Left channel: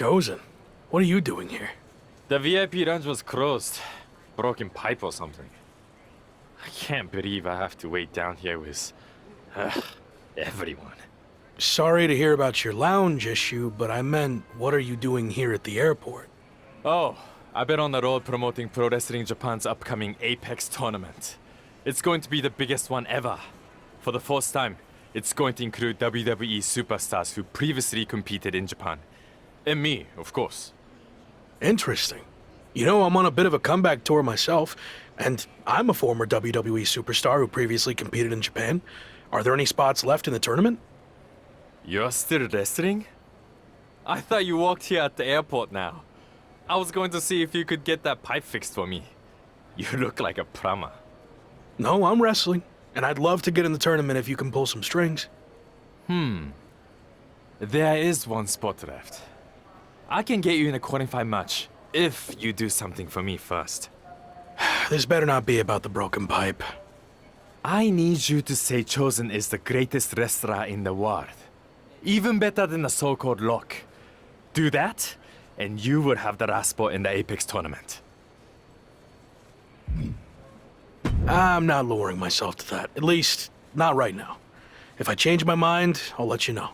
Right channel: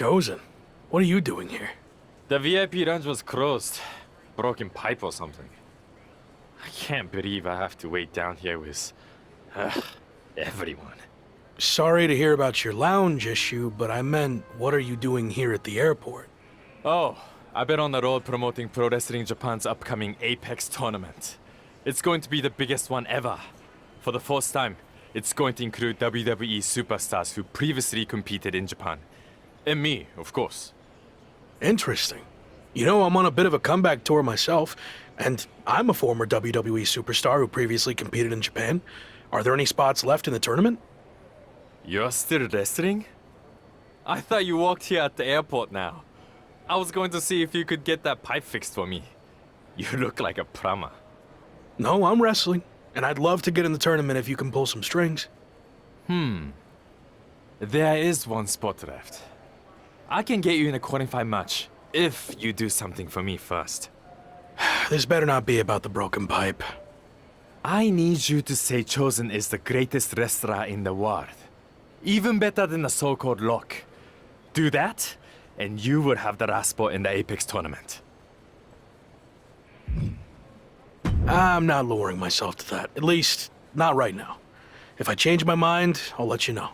Chosen. What are you doing here? The VIP lounge was closed. Broken pipe or something. I can't believe I have to wait down here with... everyone. Sorry to hear about your lounge issue, but I meant, what are you doing here at the airport? Oh, I've been on the road promoting Pro Wrestling Japan's upcoming Apex tournament. It's going to be the biggest one ever. For the first time, it's going to include WWE superstars who previously competed in Japan. And me, of course. Interesting. You know, I'm on a bit of a comeback tour myself, and I'm a former WWE superstar who previously competed in Japan. Are there any spots left in the tournament? You're still wrestling? I thought you walked here at the airport now. I was going to see if you could get that pipe fixed for me. You look like a plumber. No, I'm wrestling, and I'd love to get in the tournament if you can pull some strings. There is one spot left. I can get you in a qualifying match if you do something for me first. This better not be about the broken pipe. I need you to say Chosen is the greatest wrestler in the world. Even better than the so-called Lock. Do that, and you will have the last spot in the Apex tournament. I'm not lowering myself to that. At least, not right now. If I change my mind, I'll let you know.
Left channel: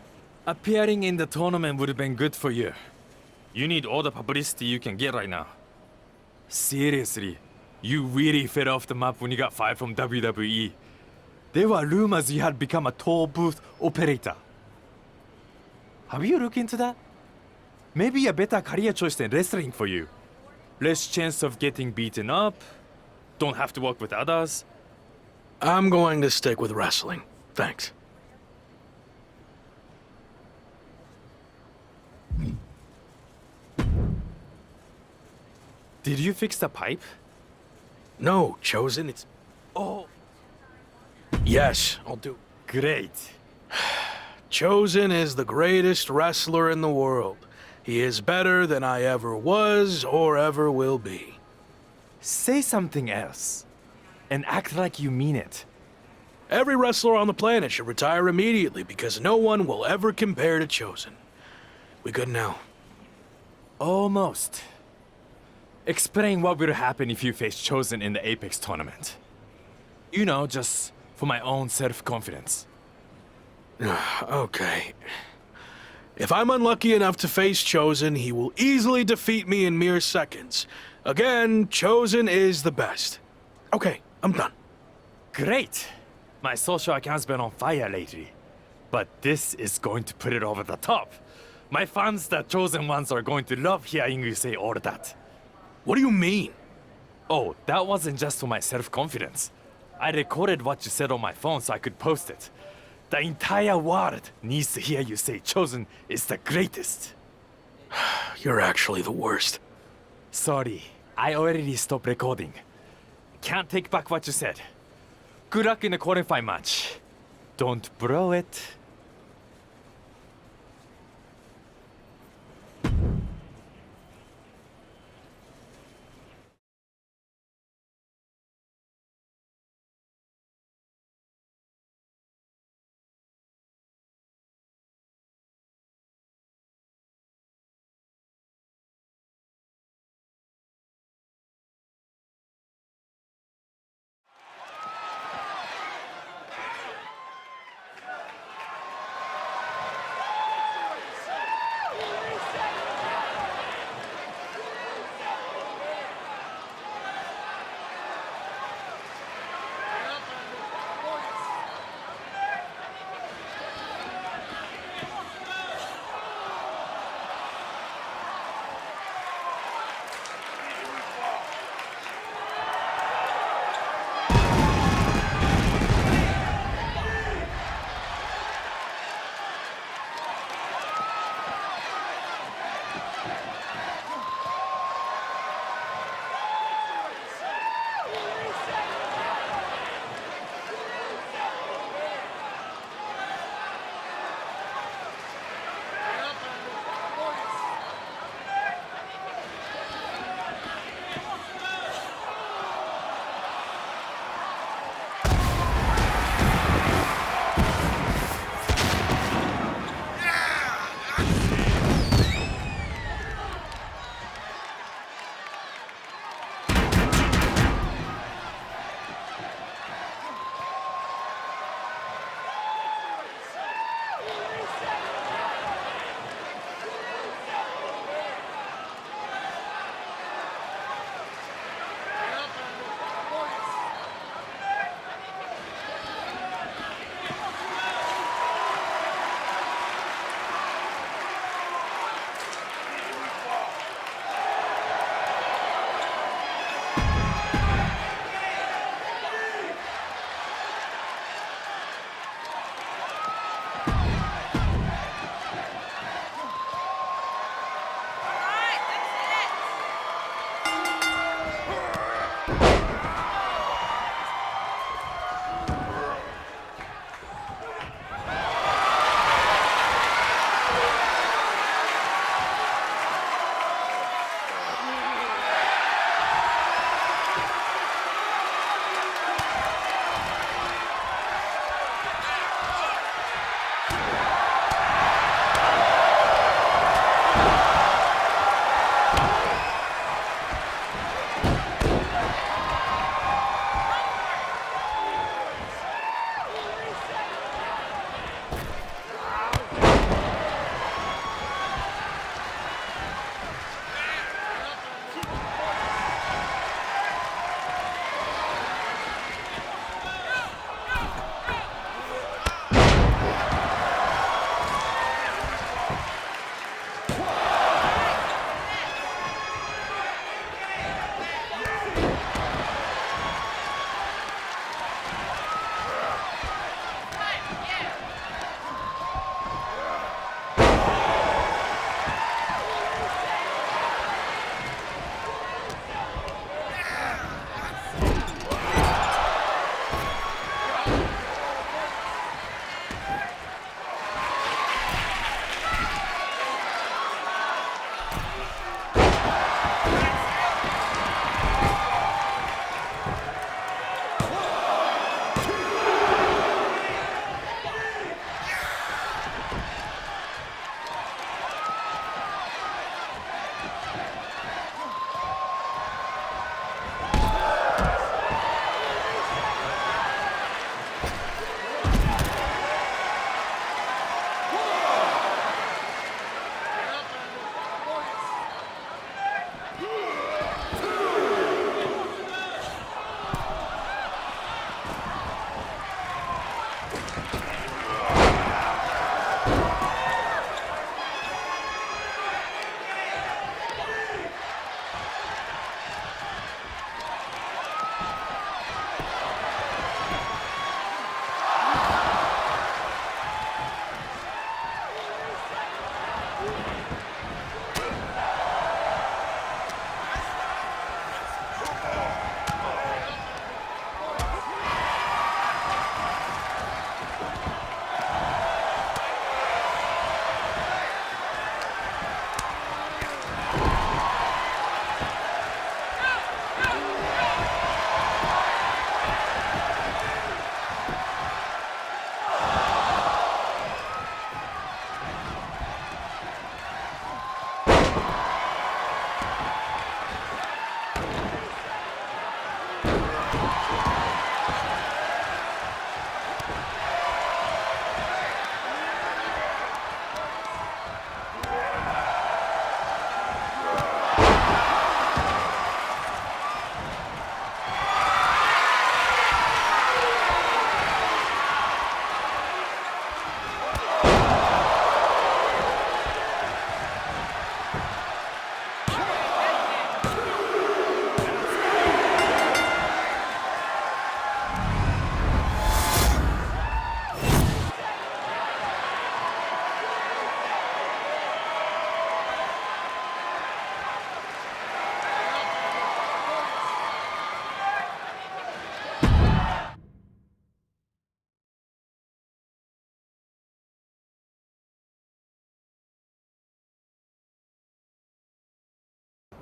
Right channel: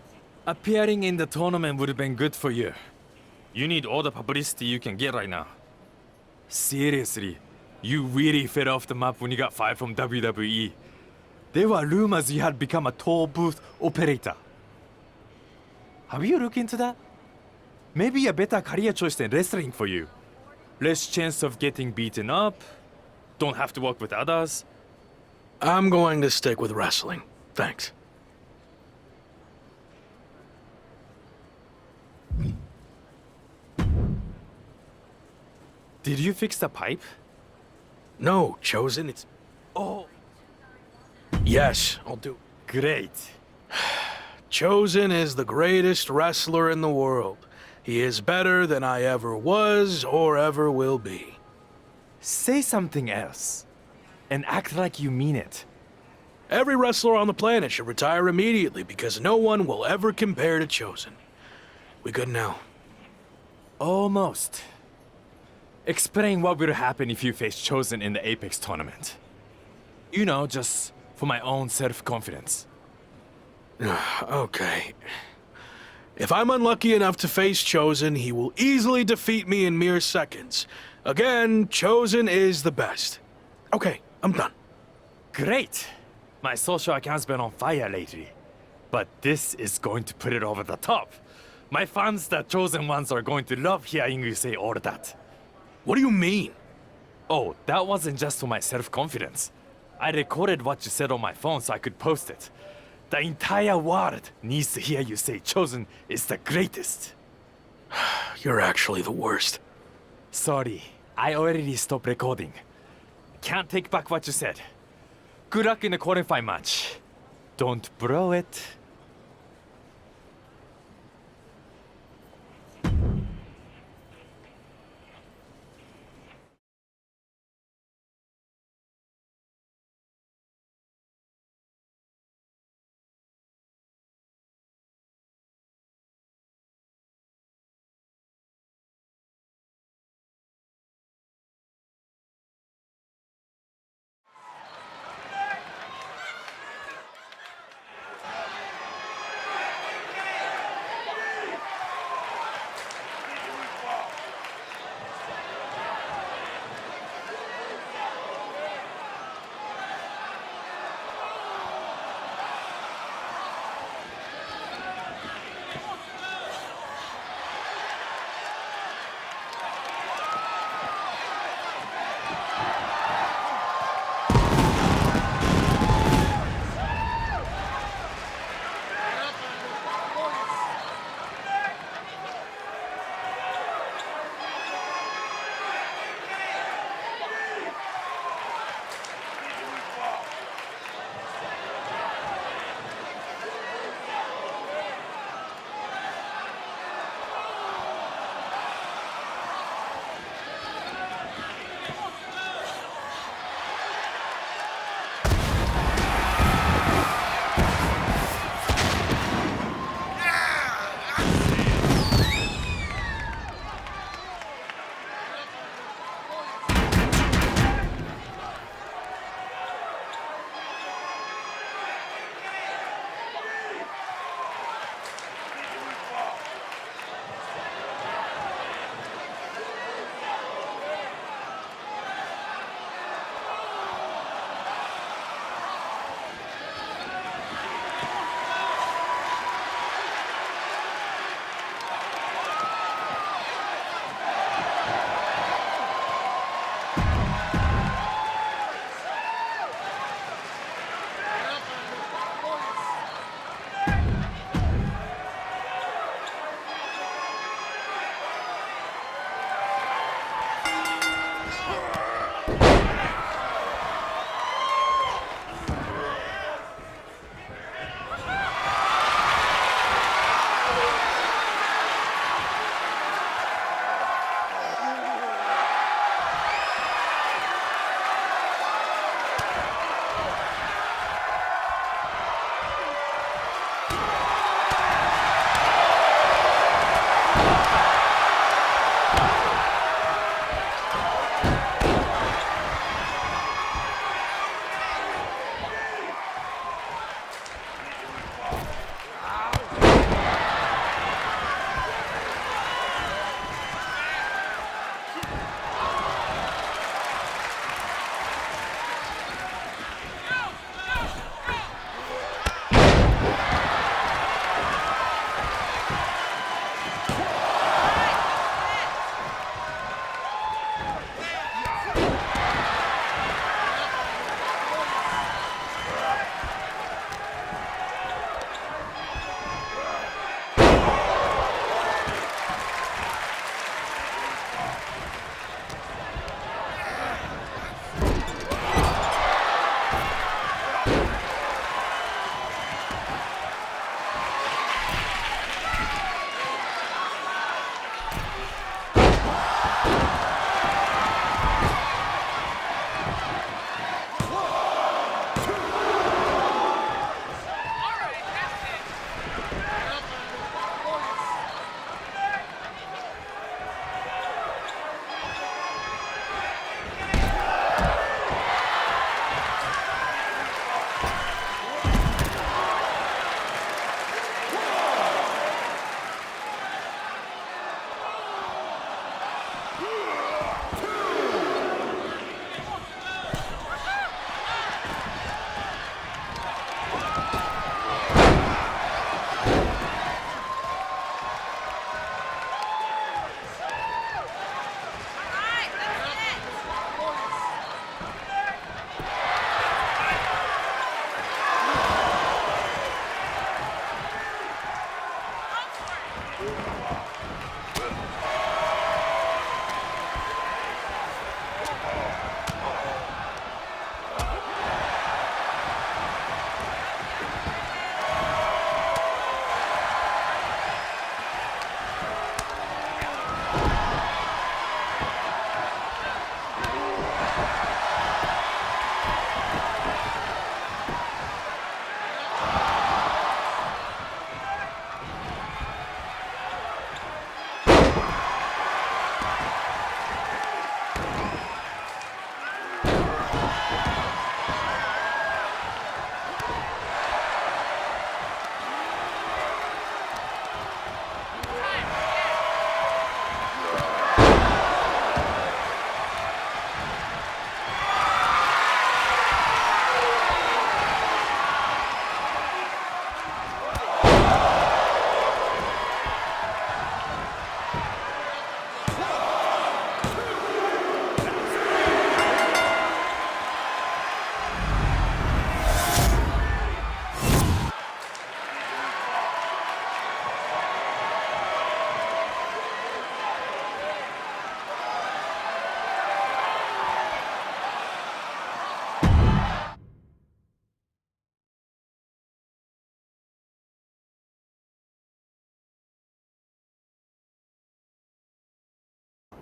Appearing in the tournament would have been good for you. You need all the publicity you can get right now. Seriously, you really fell off the map when you got fired from WWE. There were rumors you had become a toll booth operator. Have you looked into that? Maybe a better career choice than wrestling for you. Less chance of getting beaten up. Don't have to work with others. I'm going to stick with wrestling. Thanks. Did you fix the pipe? No, Chosen, it's... Oh, Yes, I'll do. great. Chosen is the greatest wrestler in the world. He is better than I ever was or ever will be. Say something else. And act like you mean it. Every wrestler on the planet should retire immediately because no one will ever compare to Chosen. We good now? Almost. Explain what will happen if you face Chosen in the Apex tournament. You know, just for my own self-confidence. Okay. If I'm unlucky enough to face Chosen, he will easily defeat me in mere seconds. Again, Chosen is the best. Okay, I'm done. Great! My social account's been on fire lately. But this is going to put it over the top. My fans, the Chosen ones, are going to love hearing you say all that. What do you mean? Oh, that wasn't just for my self-confidence. I recorded what you said on my phone so I could post it. The entire world needs to hear you say Chosen is the greatest. You're actually the worst. Sorry, I already stopped recording. Can't take back what you said. Good luck in the qualifying match. Don't blow it.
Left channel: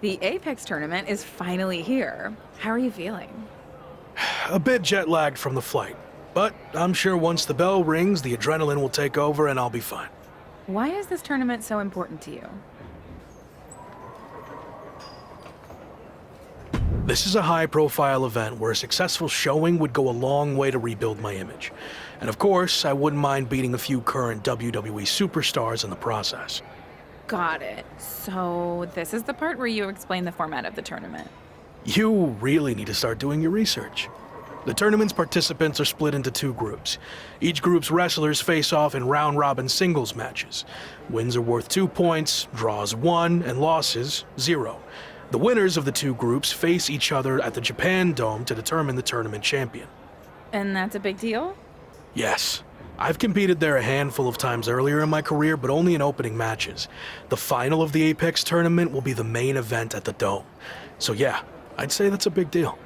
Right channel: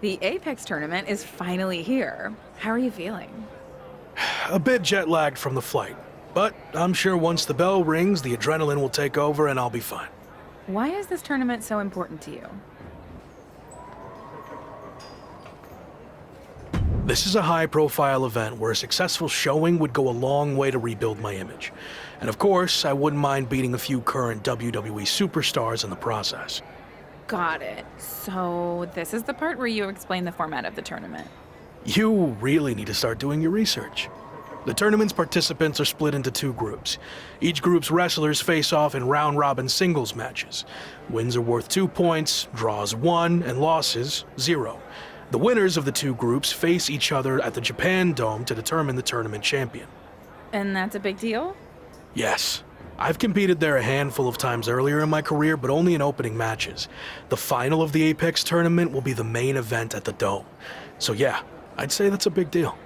The Apex tournament is finally here. How are you feeling? A bit jet lagged from the flight, but I'm sure once the bell rings, the adrenaline will take over and I'll be fine. Why is this tournament so important to you? This is a high-profile event where a successful showing would go a long way to rebuild my image. And of course, I wouldn't mind beating a few current WWE superstars in the process. Got it. So this is the part where you explain the format of the tournament. You really need to start doing your research. The tournament's participants are split into two groups. Each group's wrestlers face off in round-robin singles matches. Wins are worth 2 points, draws 1, and losses 0. The winners of the two groups face each other at the Japan Dome to determine the tournament champion. And that's a big deal? Yes. I've competed there a handful of times earlier in my career, but only in opening matches. The final of the Apex tournament will be the main event at the Dome. So yeah, I'd say that's a big deal.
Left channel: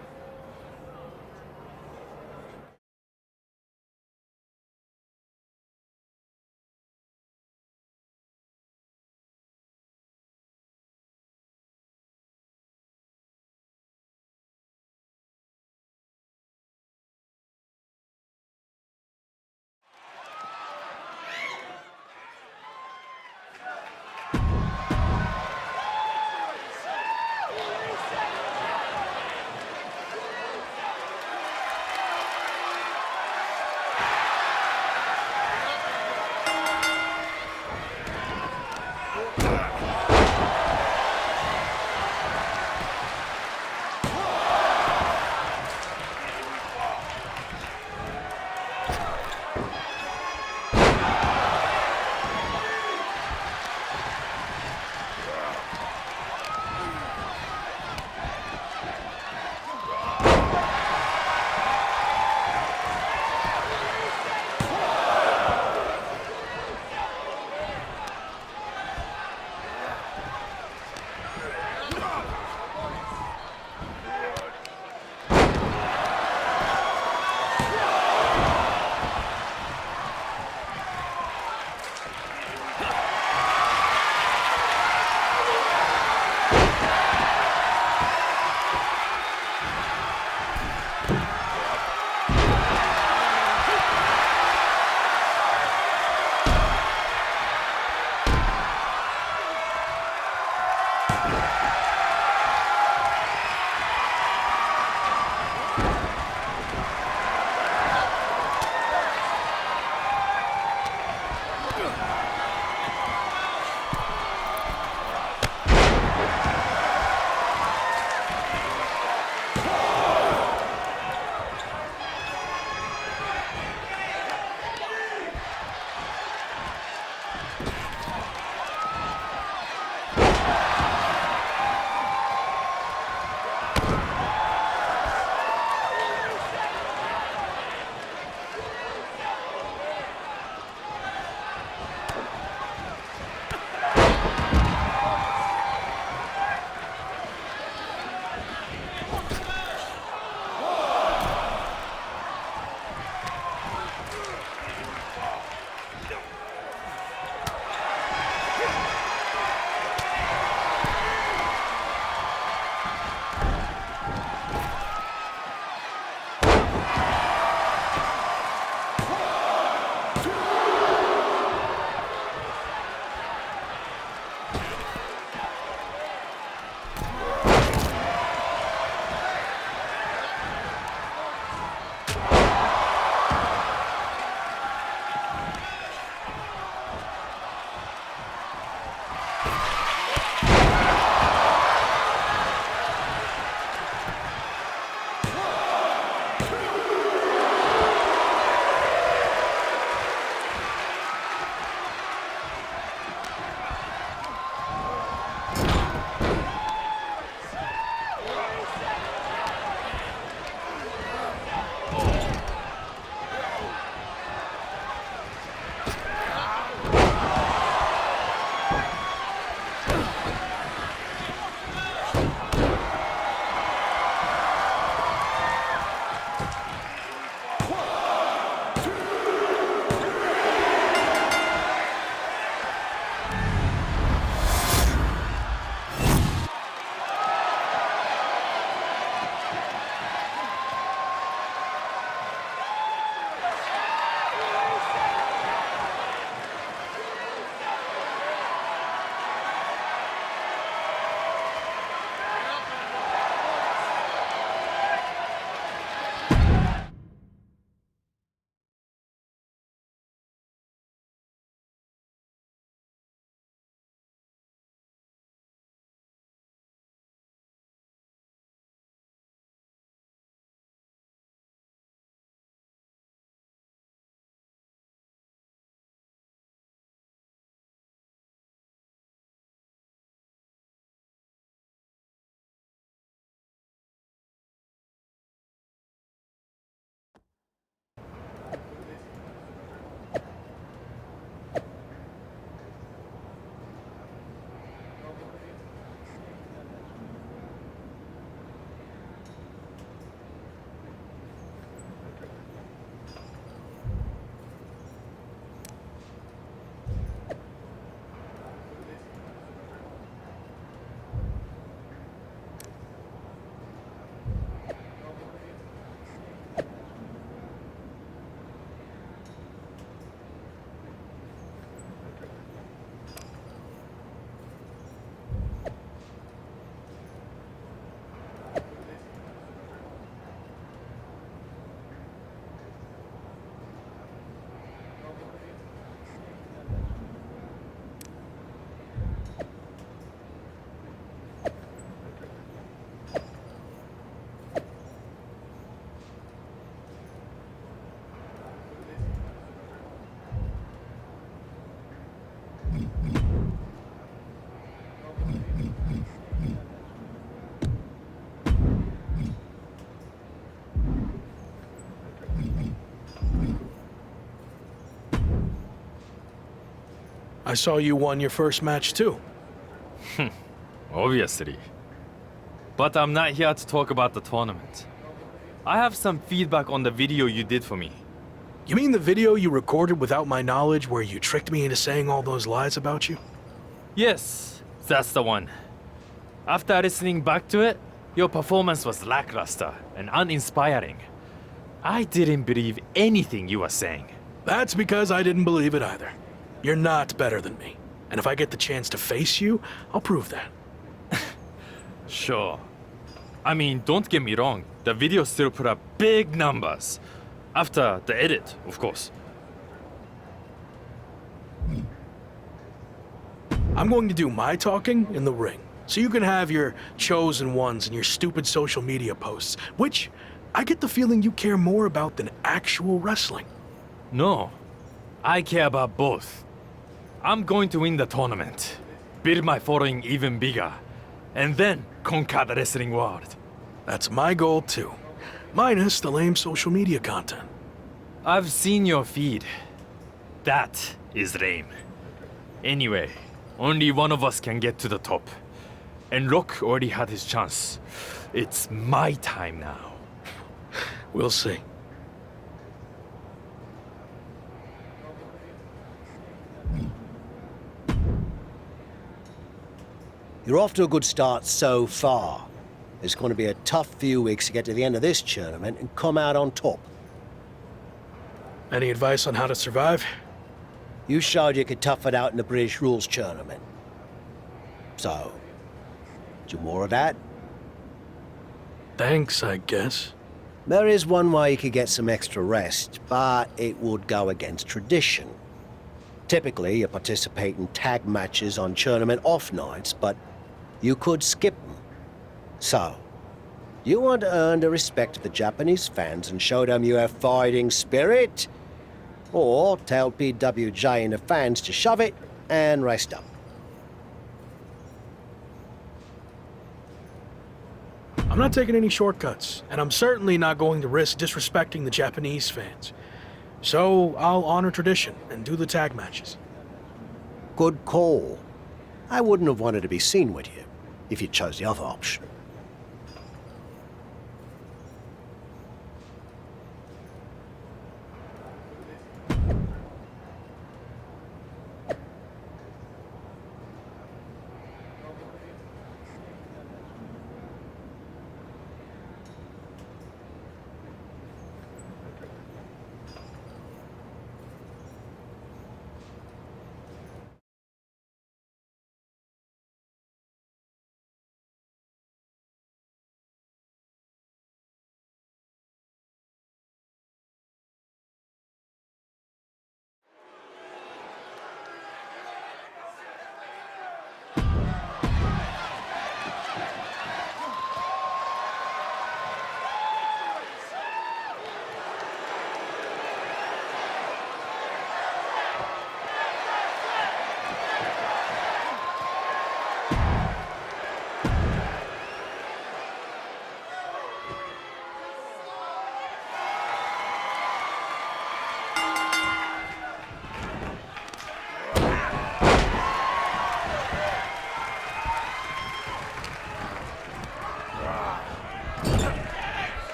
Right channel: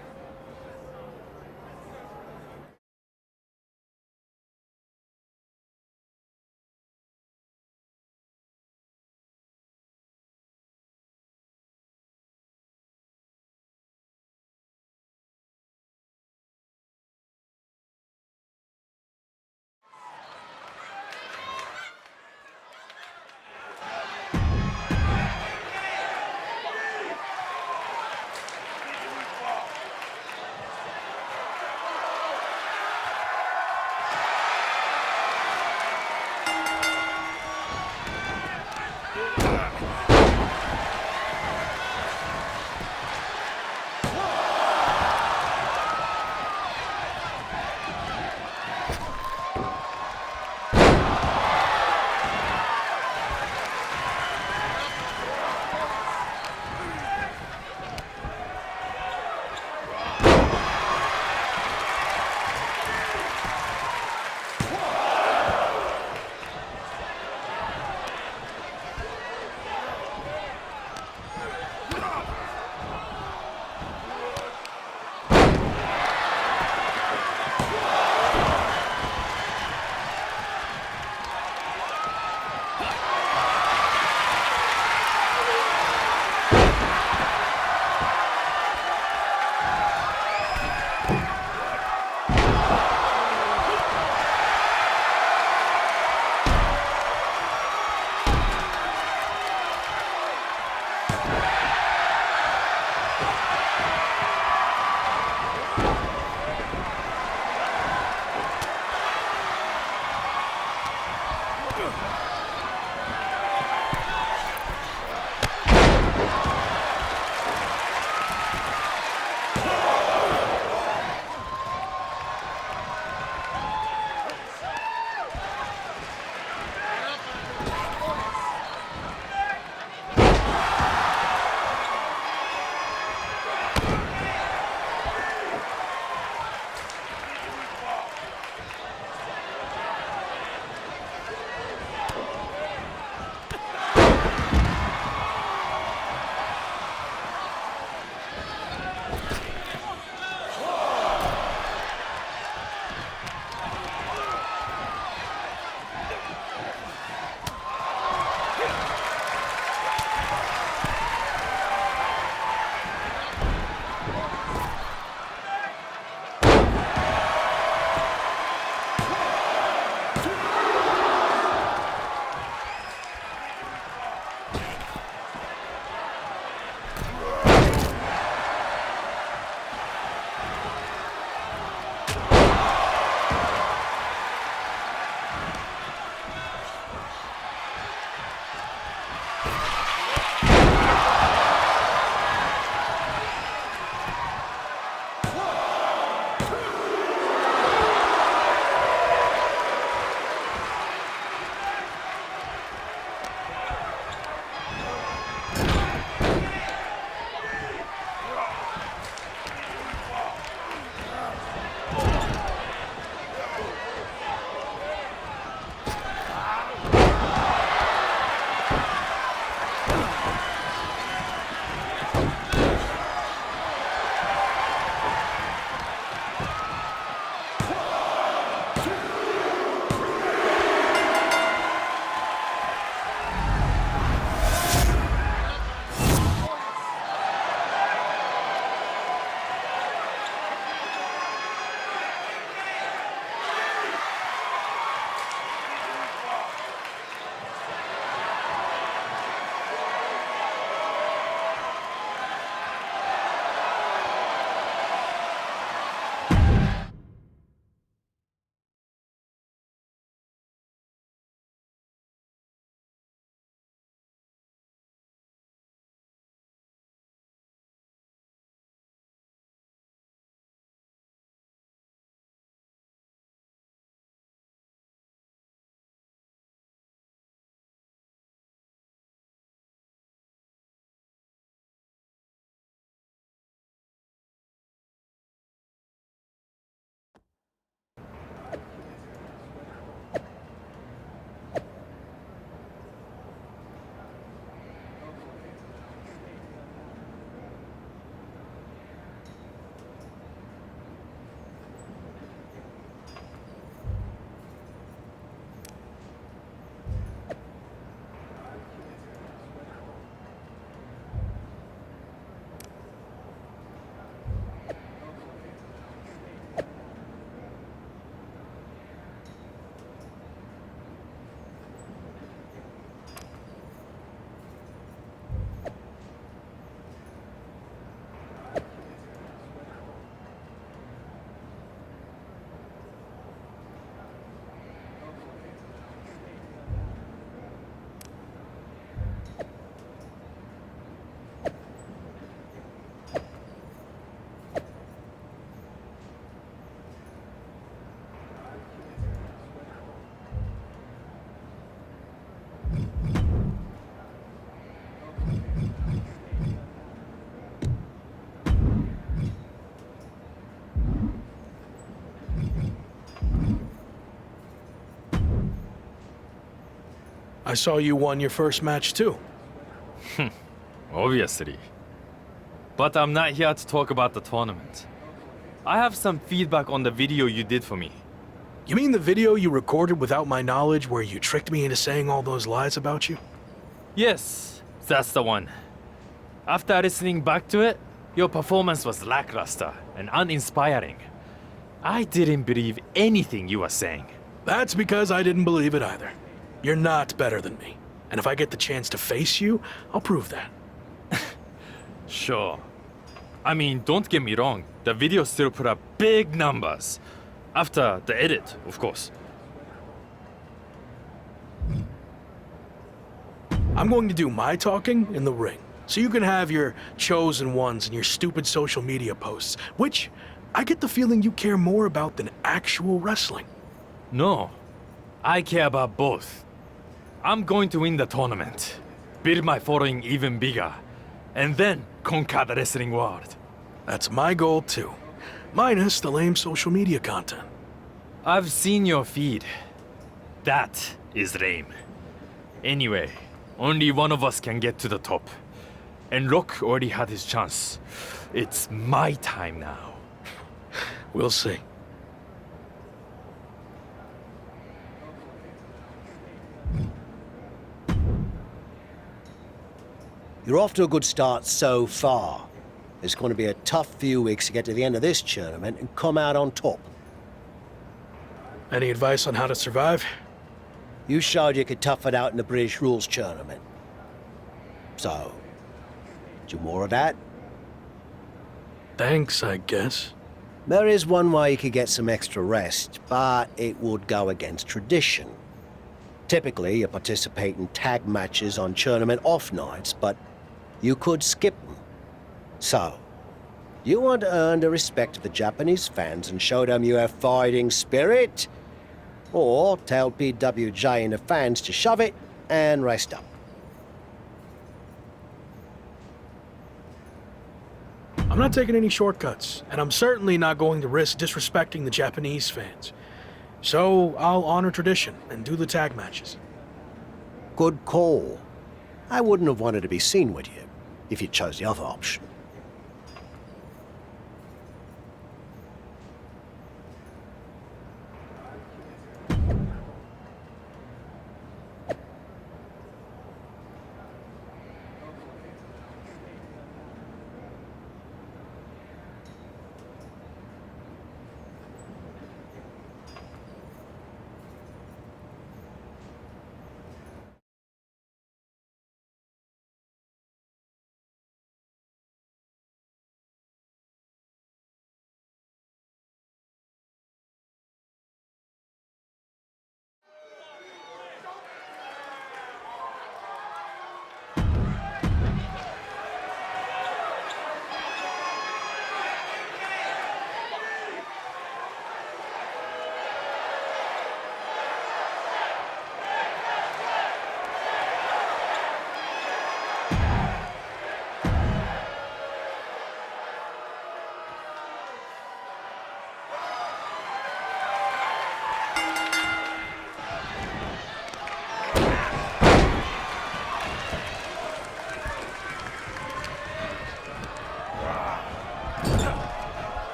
I saw you won your first match too. Obviously. But I'm not here to talk about the tournament. I have some feedback on the video you did for me. You mean the video you recorded without my knowledge where you tricked me into saying all those lies about you? Yes, that's the one. After listening back to it, your performance was lackluster and uninspiring. I didn't believe anything you were saying. That's because I didn't believe it either. You're not better than me. And if I get the chance to face you, I'll prove that. Sure. I mean, don't get me wrong, the video still put up big numbers. After the edit, of course. I'm going to do my talking in the ring, so you can have your chosen ones and your stupid social media posts, which I get the feeling you care more about than actual wrestling. No, I care about both. I'm going to win the tournament, build my following even bigger, and then conquer the wrestling world. That's my goal too, minus the lame social media content. I've seen your feed. That is lame. Anyway, only one of us can get to the top. And Rock already had his chance. It's my time now. We'll see. You're off to a good start so far. It's going to be a tough few weeks to get to the end of this tournament and come out on top. Any advice on how to survive? You showed you could tough it out in the British Rules tournament. So, do more of that? Thanks, I guess. There is one way you could get some extra rest, but it would go against tradition. Typically, you participate in tag matches on tournament off nights, but you could skip them. So, you want to earn the respect of the Japanese fans and show them you have fighting spirit? Or tell PWJ and the fans to shove it and rest up. I'm not taking any shortcuts, and I'm certainly not going to risk disrespecting the Japanese fans. So I'll honor tradition and do the tag matches. Good call. I wouldn't have wanted to be seen with you if you chose the other option.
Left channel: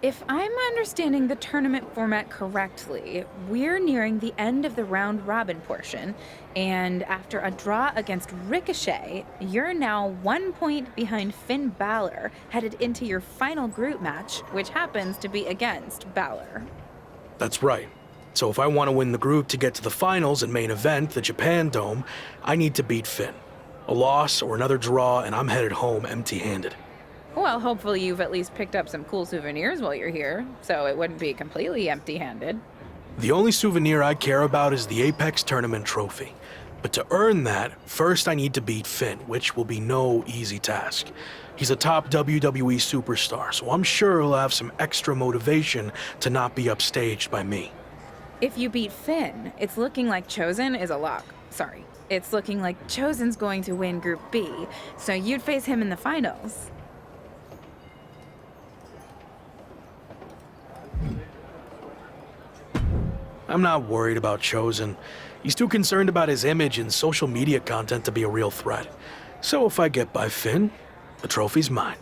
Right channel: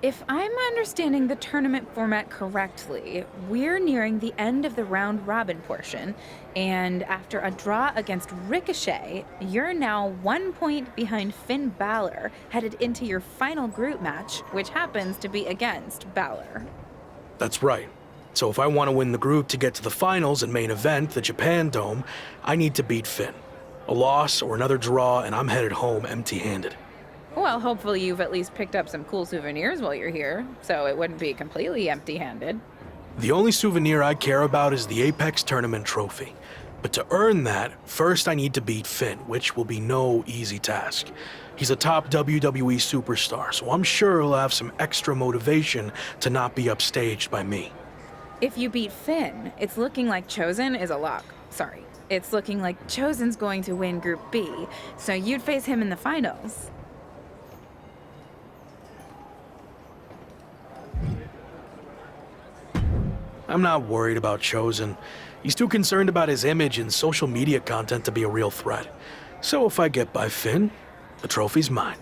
If I'm understanding the tournament format correctly, we're nearing the end of the round robin portion, and after a draw against Ricochet, you're now 1 point behind Finn Balor, headed into your final group match, which happens to be against Balor. That's right. So if I want to win the group to get to the finals and main event, the Japan Dome, I need to beat Finn. A loss or another draw, and I'm headed home empty-handed. Well, hopefully you've at least picked up some cool souvenirs while you're here, so it wouldn't be completely empty-handed. The only souvenir I care about is the Apex Tournament trophy. But to earn that, first I need to beat Finn, which will be no easy task. He's a top WWE superstar, so I'm sure he'll have some extra motivation to not be upstaged by me. If you beat Finn, it's looking like Chosen is a lock. Sorry. It's looking like Chosen's going to win Group B, so you'd face him in the finals. I'm not worried about Chosen. He's too concerned about his image and social media content to be a real threat. So if I get by Finn, the trophy's mine.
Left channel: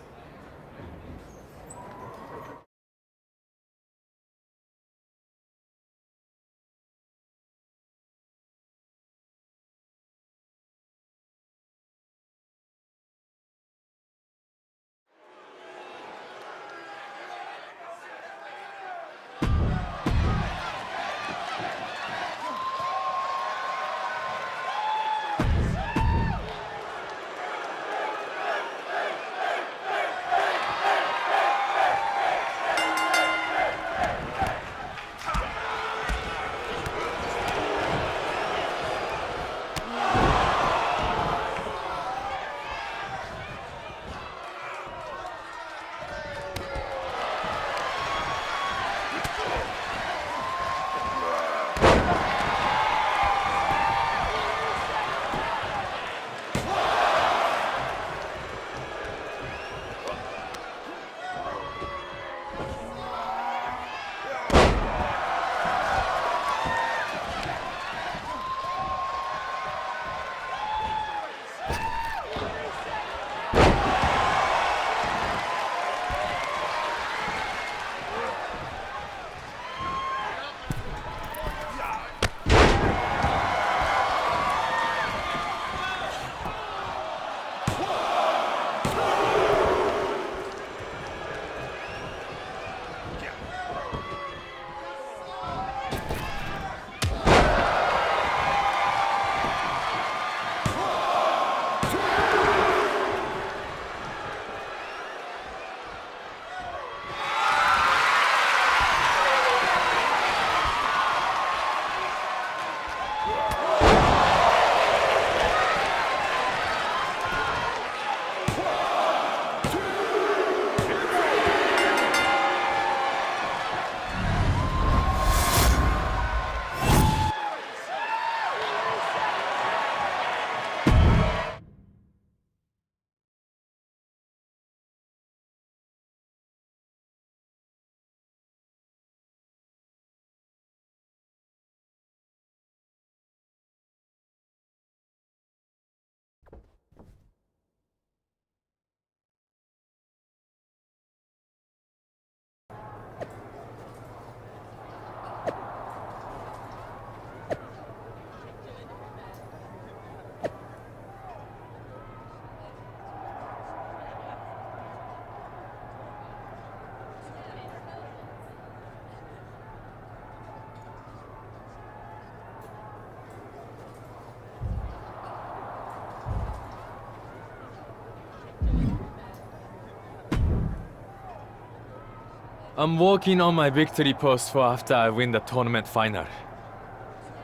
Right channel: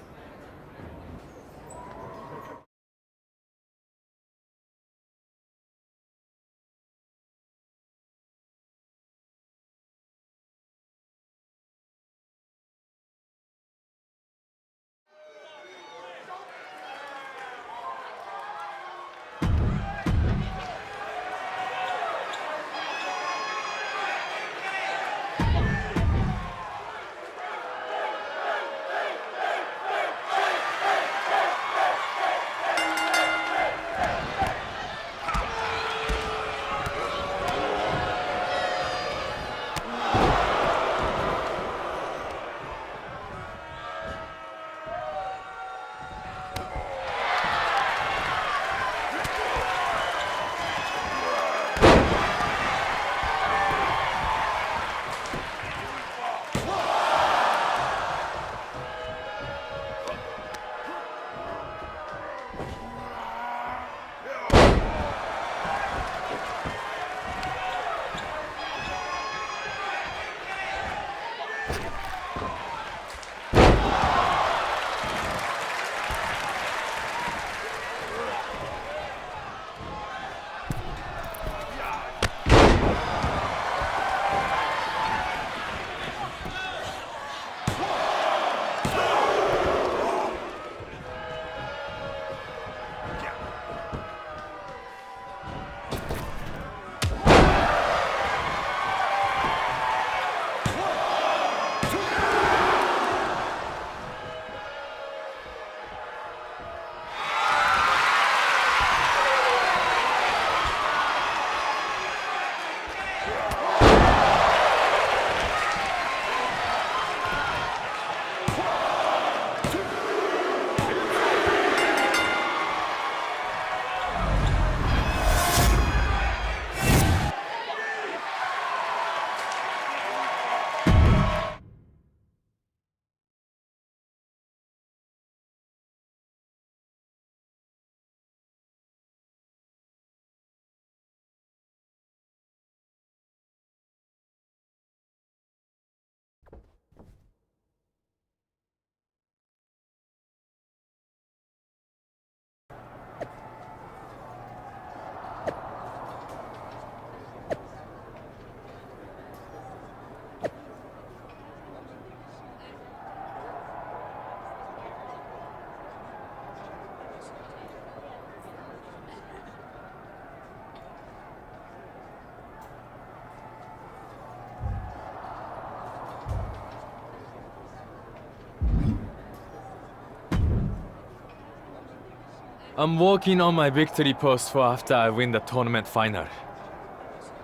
I'm working on my victory post for after I win the tournament final.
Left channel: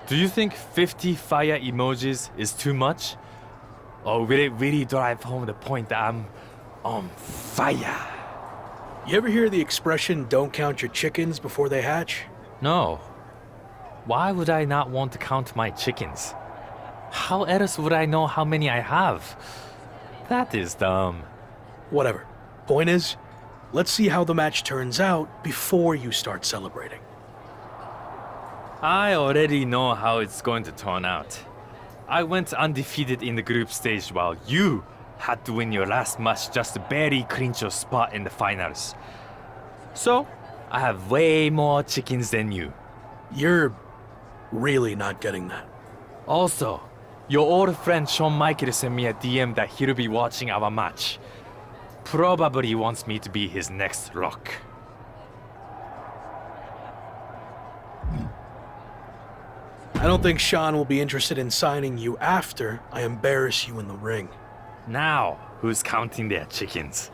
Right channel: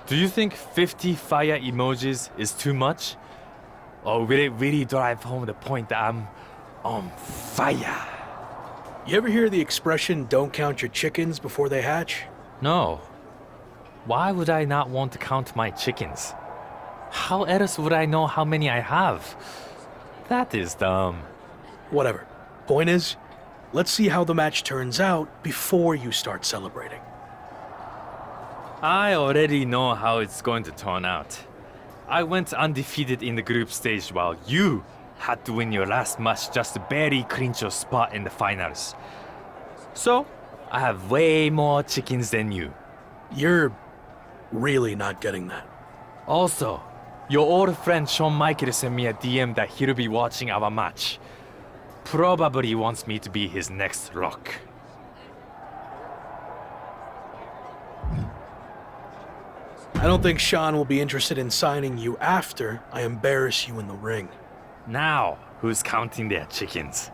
Do you think 50 fire emojis is too much? Or will it really drive home the point that I'm on fire? You ever hear the expression, don't count your chickens before they hatch? No. Why would I not want to count my chickens? How else would I know how many I have? That is dumb. Whatever. Point is, let's see how the match turns out before you start celebrating. I already know how it's going to turn out. I went undefeated in the group stage while you had to win your last match just to barely clinch your spot in the finals. So, I have way more chickens than you. You're really not getting that. Also, your old friend Shawn Michaels sent me a DM that he'll be watching our match. Probably wants me to be his next Rock. I don't think Sean will be interested in signing you after I embarrass you in the ring. Now, who's counting their chickens?